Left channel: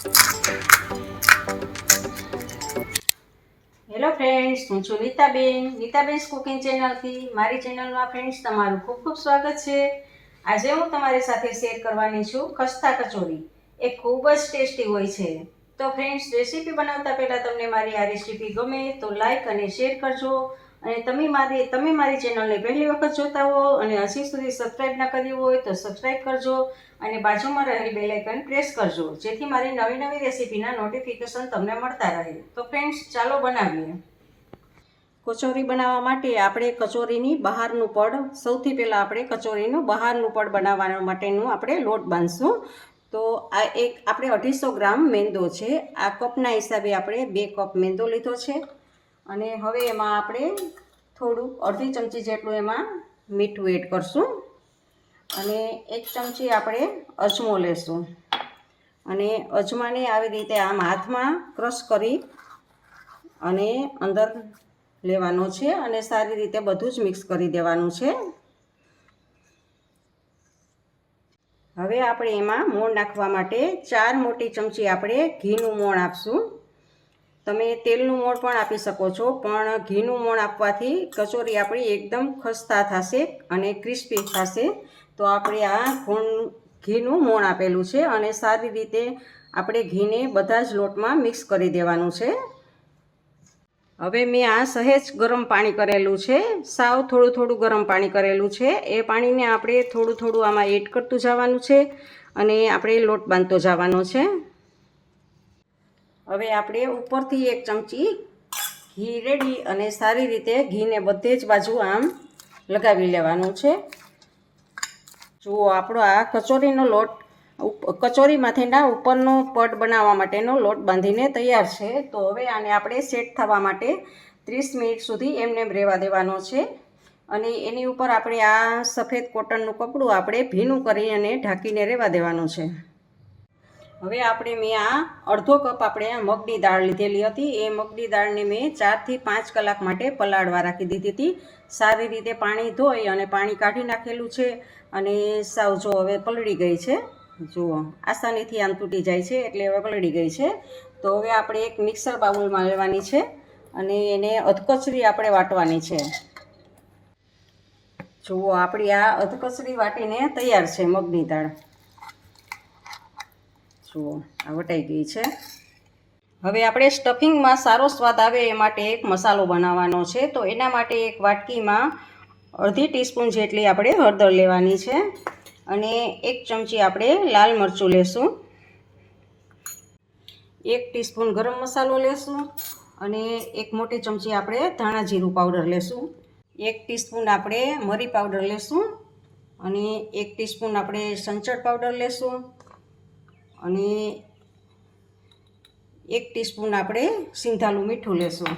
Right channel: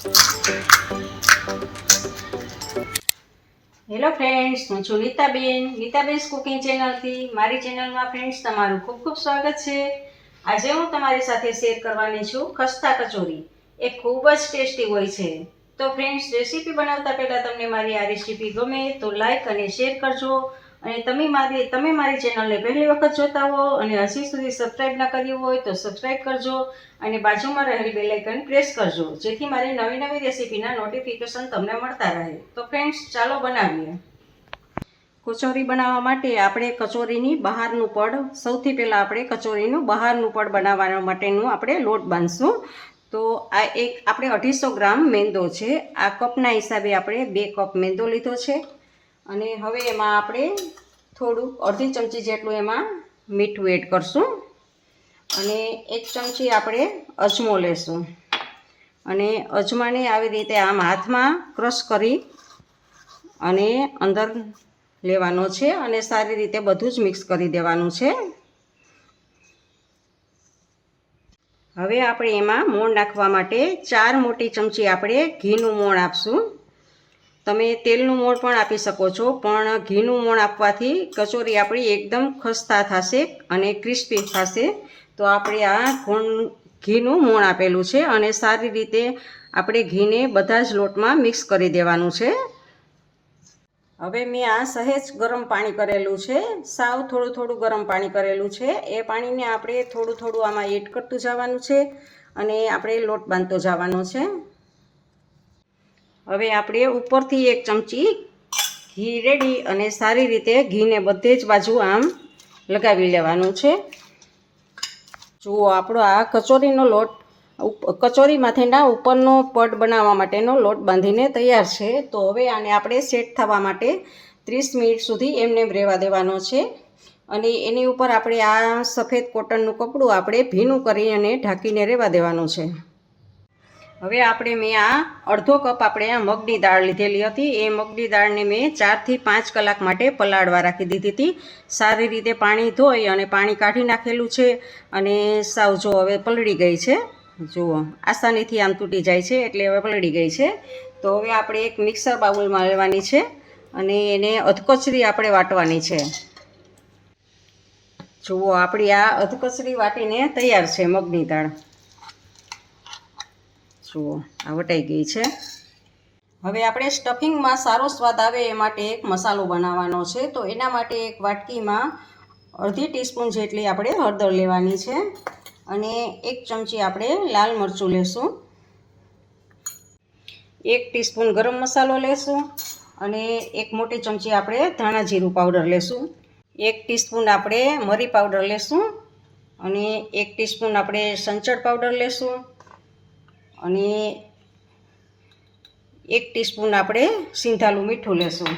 Hello friends, હું છું લીતાબેન cooking ચેનલથી. મારી ચેનલમાં ફ્રેન્ડ્સ તમારું ખૂબ ખૂબ સ્વાગત છે. આજે હું તમારી સાથે શેર કરવાની છું ખસ્તા કચોરી. એ ખૂબ જ ટેસ્ટી હોય છે. તો ફ્રેન્ડ્સ, રેસીપી બનાવતા પહેલાં તમને મારી આ રેસીપી ગમે તો લાઈક અને શેર કરજો. અને તમે મારી ચેનલને પહેલી વખત જોતા હો અને હજી સુધી સબસ્ક્રાઈબ ન કર્યું હોય તો સબસ્ક્રાઈબ કરજો અને બાજુમાં રહેલી બેલ આઇકન પ્રેસ કરજો, જેથી મારી નવી નવી રેસીપીના નોટિફિકેશન તમને મળતા રહે. તો ફ્રેન્ડ્સ, ચાલો બનાવીએ. કચોરી બનાવવા માટે આપણે કચોરીની બહારનું પડ, સૌથી પહેલાં આપણે કચોરીનું બહારનું પડ બનાવવા માટેનું આપણે લોટ બાંધશું. તો આ આપણે 250 ગ્રામ મેંદો છે. આ કપના હિસાબે આપણે 2 કપ મેંદો લીધો છે. અને હવે એમાં આપણે થોડુંક અડધી ચમચી જેટલું એમાં મીઠું એડ કરશું. અને 1 ચમચી આપણે અજમો લેશું. અને અજમાને આવી રીતે આમ હાથમાં ક્રશ કરી અને અંદર લેવાનો છે અને સારી રીતે બધું જ મિક્સ કરી દેવાનું છે. હવે આપણે એમાં મોણ નાખવા માટે 4 મોટી ચમચી આપણે ઘીનું મોણ આપશું. તમે તેલનું મોણ પણ આપી શકો છો, પણ ઘીનું મોણ આપવાથી કચોરી આપણી એકદમ ખસ્તા થશે અને ક્રિસ્પી થશે. તો આપણે આ ઘીનું મોણ આપેલું છે અને સારી રીતે આપણે ઘીને બધા જ લોટમાં મિક્સ કરી દેવાનું છે. હવે મેં આ સહેજ ગરમ પાણી કરેલું છે, સાવ થોડું થોડું ગરમ પાણી કરેલું છે. એ પાણીને આપણે થોડું થોડું આમાં એડ કરતું જવાનું છે અને આપણે લોટ બાંધતો જવાનો છે. હવે આપણે ઉપરથી 1 ચમચી ઘી રેડી અને સારી રીતે ઘીને બધે જ બાજુ આમ લગાવી લેવાનું છે. જુઓ, આપણો આ કચોરીનો લોટ કચોરીમાંથીના ઉપરનો પડ બનાવવા માટેનો લોટ બાંધીને તૈયાર છે. તો હવે આને આપણે સેટ થવા માટે 30 મિનિટ સુધી એમને રહેવા દેવાનો છે. અને એની ઉપર આપણે આ સફેદ કોટનનું કપડું આપણે ભીનું કરી અને ઢાંકીને રહેવા દેવાનું છે. હવે મેં આ અડધો કપ આપણે આ મગની દાળ લીધેલી હતી. એ મગની દાળને મેં 4 થી 5 કલાક માટે પલાળવા રાખી દીધી હતી. સારી રીતે પાણી ધોઈ અને પાણી કાઢી નાખેલું છે. અને સાવ જો હવે પલળી ગઈ છે. જુઓ, આસાનીથી આમ તૂટી જાય છે, એટલે હવે પલળી ગઈ છે. તો હવે આપણે એક મિક્સર બાઉલમાં લેવાની છે અને એને અધકચરી આપણે વાટવાની છે. જુઓ, આપણી આ અધકચરી વાટીને તૈયાર છે મગની દાળ. જુઓ, આ વટાઈ ગઈ છે. હવે આપણે સ્ટફિંગમાં સારો સ્વાદ આવે એ માટે એક મસાલો બનાવવાનો છે. તો એના માટે એક વાટકીમાં અડધી ટીસ્પૂન જેટલી આપણે હળદર લેવાની છે અને 1 ચમચી આપણે લાલ મરચું લેશું. 1 ટીસ્પૂન ગરમ મસાલો લેશું અને 1 મોટી ચમચી આપણે ધાણા જીરું પાવડર લેશું. 1 ટીસ્પૂન આપણે મરી પાવડર લેશું અને 1 ટીસ્પૂન આપણે સંચળ પાવડર લેશું અને 1 ટીસ્પૂન આપણે સિંધાલું મીઠું લેશું.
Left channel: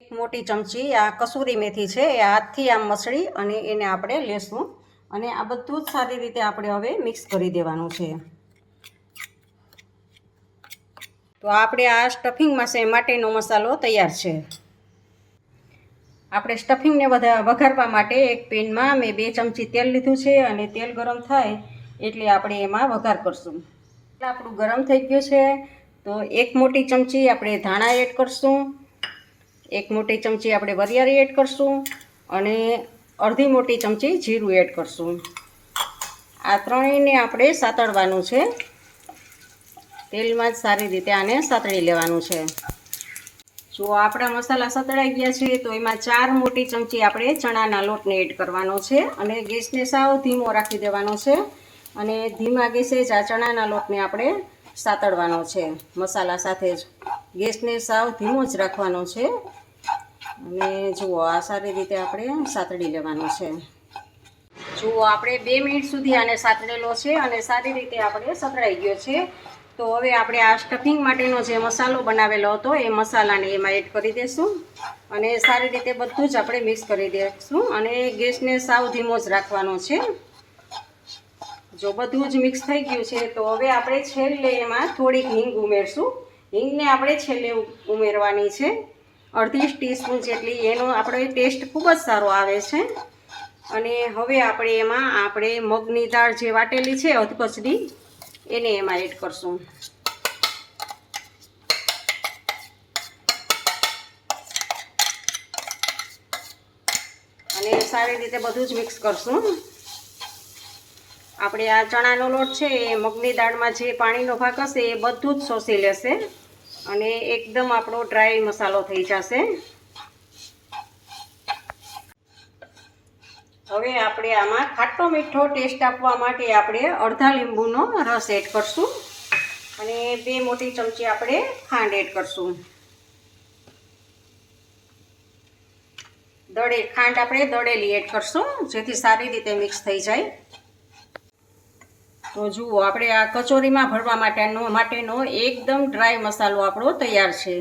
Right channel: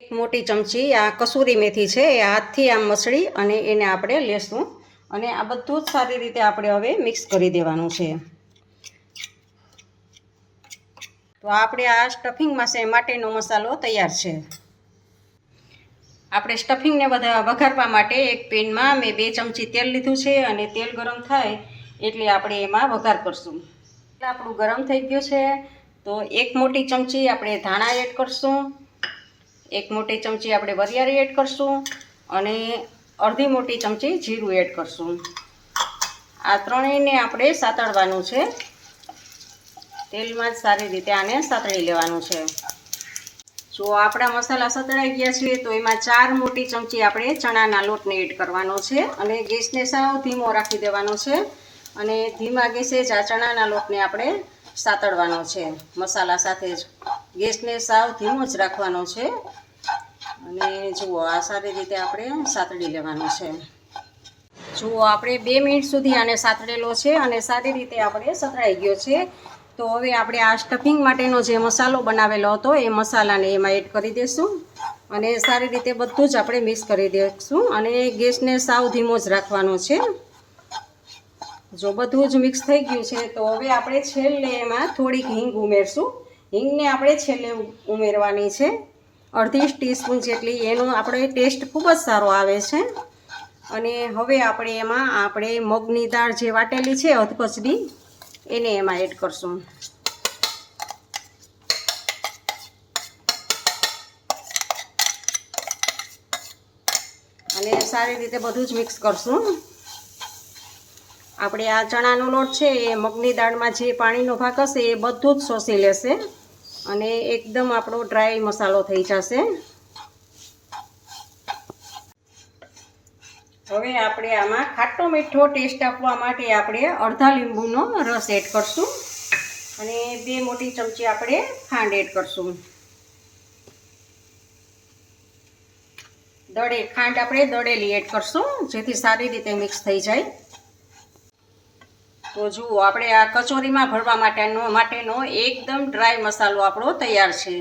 1 મોટી ચમચી આ કસૂરી મેથી છે, એ હાથથી આમ મસળી અને એને આપણે લેશું. અને આ બધું જ સારી રીતે આપણે હવે મિક્સ કરી દેવાનું છે. તો આપણે આ સ્ટફિંગ માટેનો મસાલો તૈયાર છે. આપણે સ્ટફિંગને વઘારવા માટે એક પેનમાં મેં 2 ચમચી તેલ લીધું છે અને તેલ ગરમ થાય એટલે આપણે એમાં વઘાર કરશું. આપણું ગરમ થઈ ગયું છે. તો 1 મોટી ચમચી આપણે ધાણા એડ કરશું, 1 મોટી ચમચી આપણે વરિયાળી એડ કરશું અને અડધી મોટી ચમચી જીરું એડ કરશું. આ ત્રણેયને આપણે સાતળવાનું છે. તેલમાં જ સારી રીતે આને સાતળી લેવાનું છે. જો આપણા મસાલા સતળાઈ ગયા છે તો એમાં 4 મોટી ચમચી આપણે ચણાના લોટને એડ કરવાનો છે અને ગેસને સાવ ધીમો રાખી દેવાનો છે. અને ધીમા ગેસે જ આ ચણાના લોટને આપણે સાતળવાનો છે મસાલા સાથે જ. ગેસને સાવ ધીમો જ રાખવાનો છે. અને જુઓ, આ સારી રીતે આપણે સાતળી લેવાનો છે. જુઓ, આપણે 2 મિનિટ સુધી આને સાતળેલો છે અને સારી રીતે આપણે સતળાઈ ગયો છે. તો હવે આપણે આ સ્ટફિંગ માટેનો જે મસાલો બનાવેલો હતો એ મસાલાને એમાં એડ કરી દઈશું અને સારી રીતે બધું જ આપણે મિક્સ કરી દઈશું અને ગેસને સાવ ધીમો જ રાખવાનો છે. જો બધું જ મિક્સ થઈ ગયું છે તો હવે આપણે છેલ્લે એમાં થોડીક હિંગ ઉમેરશું. હિંગને આપણે છેલ્લે ઉમેરવાની છે, અડધી ટીસ્પૂન જેટલી. એનો આપણો ટેસ્ટ ખૂબ જ સારો આવે છે. અને હવે આપણે એમાં મગની દાળ જે વાટેલી છે અધકચરી, એને એમાં એડ કરશું. અને સારી રીતે બધું જ મિક્સ કરશું. આપણે આ ચણાનો લોટ છે એ મગની દાળમાં જે પાણીનો ભાગ હશે એ બધું જ શોષી લેશે અને એકદમ આપણો ડ્રાય મસાલો થઈ જશે. હવે આપણે આમાં ખાટો મીઠો ટેસ્ટ આપવા માટે આપણે અડધા લીંબુનો રસ એડ કરશું અને 2 મોટી ચમચી આપણે ખાંડ એડ કરશું. ખાંડ આપણે દળેલી એડ કરશું જેથી સારી રીતે મિક્સ થઈ જાય. તો જુઓ, આપણે આ કચોરીમાં ભરવા માટેનો એકદમ ડ્રાય મસાલો આપણો તૈયાર છે.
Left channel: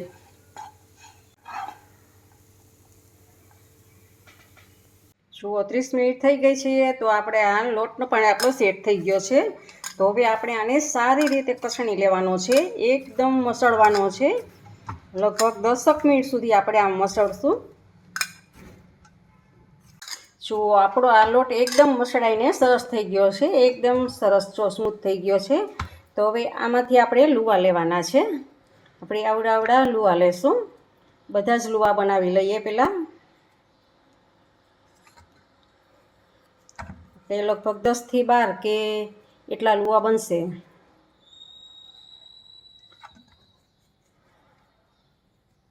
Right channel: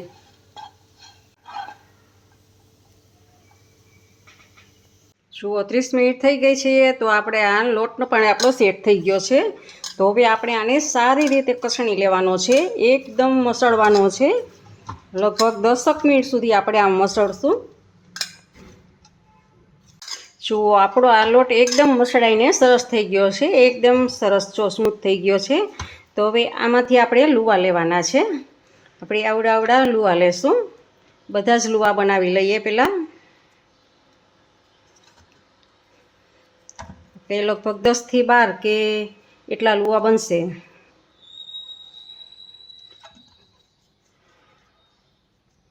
જુઓ, 30 મિનિટ થઈ ગઈ છે તો આપણે આ લોટનો પણ આપણો સેટ થઈ ગયો છે. તો હવે આપણે આને સારી રીતે કસણી લેવાનો છે, એકદમ મસળવાનો છે. લગભગ 10 મિનિટ સુધી આપણે આમ મસળશું. જુઓ, આપણો આ લોટ એકદમ મસળાઈને સરસ થઈ ગયો છે, એકદમ સરસ સ્મૂથ થઈ ગયો છે. તો હવે આમાંથી આપણે લુવા લેવાના છે. આપણે આવડા લુવા લેશું. બધા જ લુવા બનાવી લઈએ પહેલાં. એ લગભગ 10 થી 12 કે એટલા લુવા બનશે.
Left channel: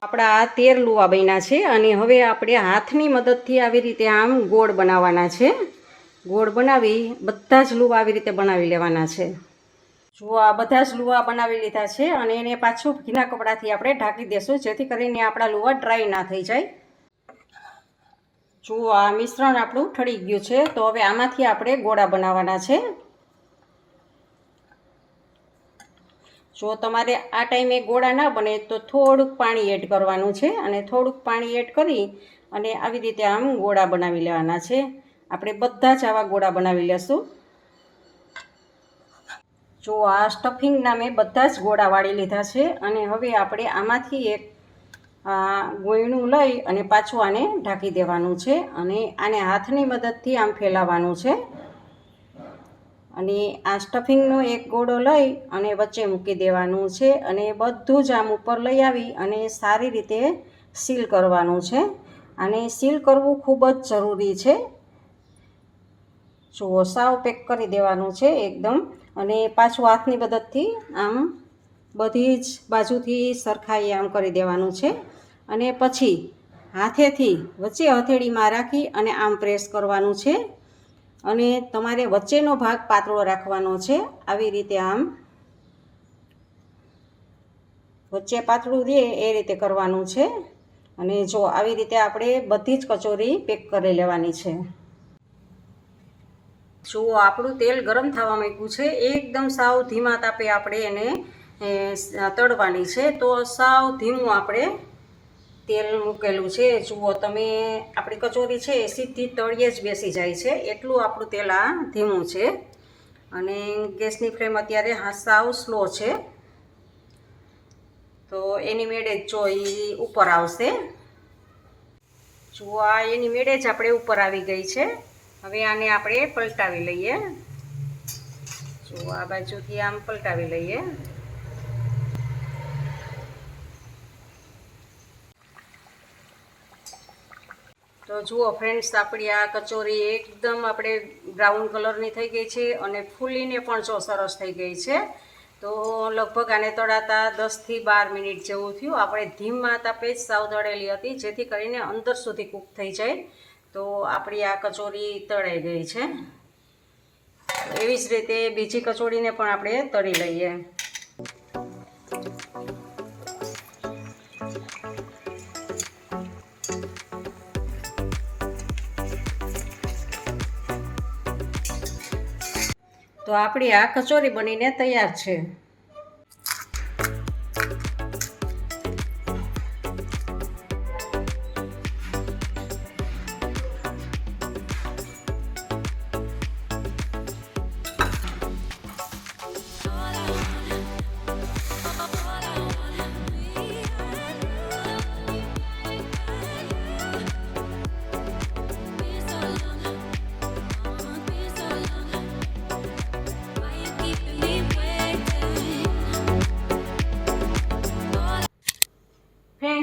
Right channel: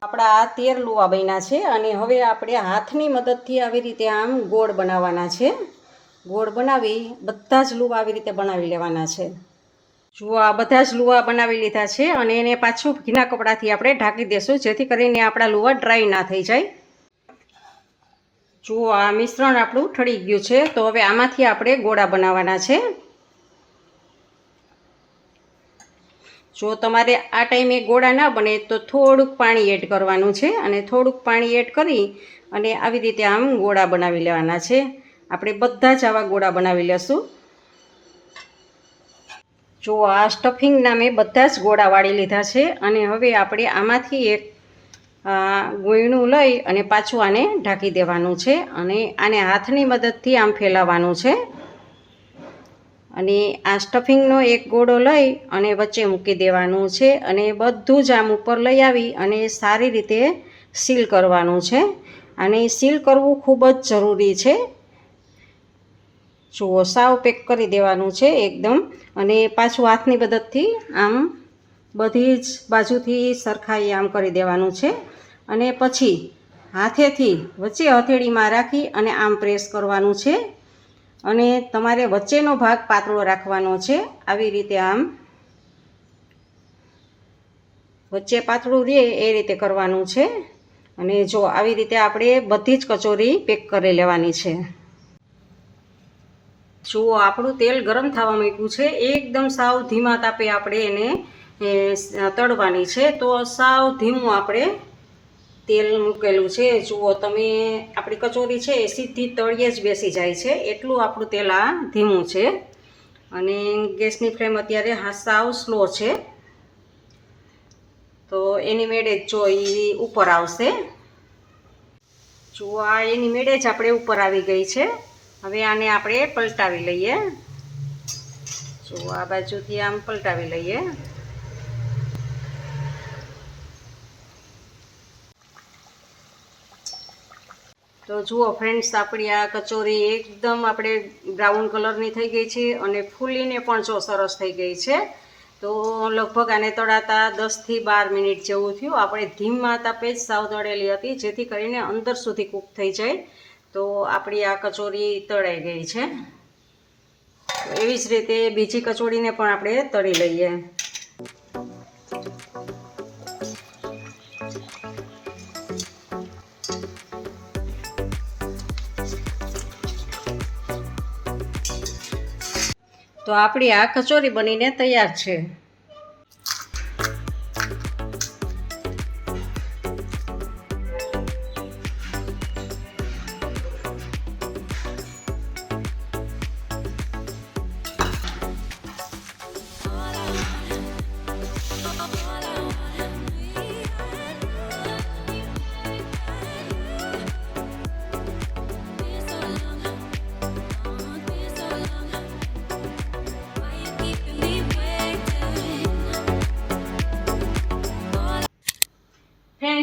આપણા આ 13 લુવા બન્યા છે અને હવે આપણે હાથની મદદથી આવી રીતે આમ ગોળ બનાવવાના છે. ગોળ બનાવી બધા જ લુવા આવી રીતે બનાવી લેવાના છે. જુઓ, આ બધા જ લુવા બનાવી લીધા છે અને એને પાછું ભીના કપડાથી આપણે ઢાંકી દેશું જેથી કરીને આપણા લુવા ડ્રાય ના થઈ જાય. જુઓ, આ મિશ્રણ આપણું ઠળી ગયું છે. તો હવે આમાંથી આપણે ગોળા બનાવવાના છે. જો તમારે આ ટાઈમે ગોળા ના બને તો થોડુંક પાણી એડ કરવાનું છે અને થોડુંક પાણી એડ કરી અને આવી રીતે આમ ગોળા બનાવી લેવાના છે. આપણે બધા જ આવા ગોળા બનાવી લેશું. જો આ સ્ટફિંગના મેં બધા જ ગોળા વાળી લીધા છે અને હવે આપણે આમાંથી એક ગોયણું લઈ અને પાછું આને ઢાંકી દેવાનું છે અને આને હાથની મદદથી આમ ફેલાવવાનું છે અને આ સ્ટફિંગનો એક ગોળો લઈ અને વચ્ચે મૂકી દેવાનું છે અને બધું જ આમ ઉપર લઈ આવી અને સારી રીતે સીલ કરવાનું છે. અને સીલ કરવું ખૂબ જ જરૂરી છે. જુઓ, સાવ પેક કરી દેવાનું છે એકદમ અને પાછું હાથની મદદથી આમ બધી જ બાજુથી સરખાઈ આમ કરી દેવાનું છે અને પછી હાથેથી વચ્ચે હથેળીમાં રાખી અને આમ પ્રેસ કરવાનું છે અને તમારે વચ્ચેનો ભાગ પાતળો રાખવાનો છે. આવી રીતે આમ વચ્ચે પાતળું રહે એ રીતે કરવાનું છે અને જો આવી રીતે આપણે બધી જ કચોરી પેક કરી લેવાની છે. જુઓ, આપણું તેલ ગરમ થવા માંડ્યું છે. એકદમ સાવ ધીમા તાપે આપણે એને તળવાની છે. તો સાવ ધીમું આપણે તેલ મૂકેલું છે. જુઓ તમે, આપણી કચોરી છે એ સીધી તળિયે જ બેસી જાય છે એટલું આપણું તેલ આ ધીમું છે અને ગેસની ફ્લેમ અત્યારે સાવ સ્લો છે. તો એની મેળે જ જો એ ઉપર આવશે. જુઓ, આ એની મેળે જ આપણે ઉપર આવી ગઈ છે. હવે આને આપણે પલટાવી લઈએ. જુઓ, આ બાજુથી આમ પલટાવી લઈએ. તો જુઓ ફ્રેન્ડ્સ, આપણી આ કચોરી એકદમ આપણે બ્રાઉન કલરની થઈ ગઈ છે અને ફૂલીને પણ જો સરસ થઈ ગઈ છે. તો લગભગ આને તળાતા 10 થી 12 મિનિટ જેવું થયું. આપણે ધીમા તાપે જ સાવ તળેલી હતી જેથી કરીને અંદર સુધી કૂક થઈ જાય. તો આપણી આ કચોરી તળાઈ ગઈ છે. એવી જ રીતે બીજી કચોરીને પણ આપણે તળી લઈએ. તો આપણી આ કચોરી બનીને તૈયાર છે.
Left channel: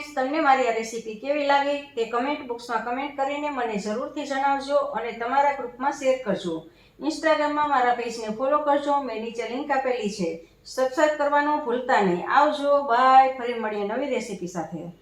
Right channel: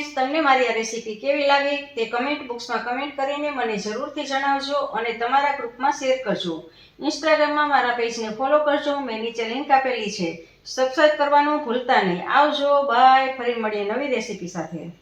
ફ્રેન્ડ્સ, તમને મારી આ રેસીપી કેવી લાગી તે કમેન્ટ બોક્સમાં કમેન્ટ કરીને મને જરૂરથી જણાવજો અને તમારા ગ્રુપમાં શેર કરજો. ઇન્સ્ટાગ્રામમાં મારા પેજને ફોલો કરજો, મેં નીચે લિંક આપેલી છે. સબસ્ક્રાઇબ કરવાનું ભૂલતા નહીં. આવજો, બાય. ફરી મળીએ નવી રેસીપી સાથે.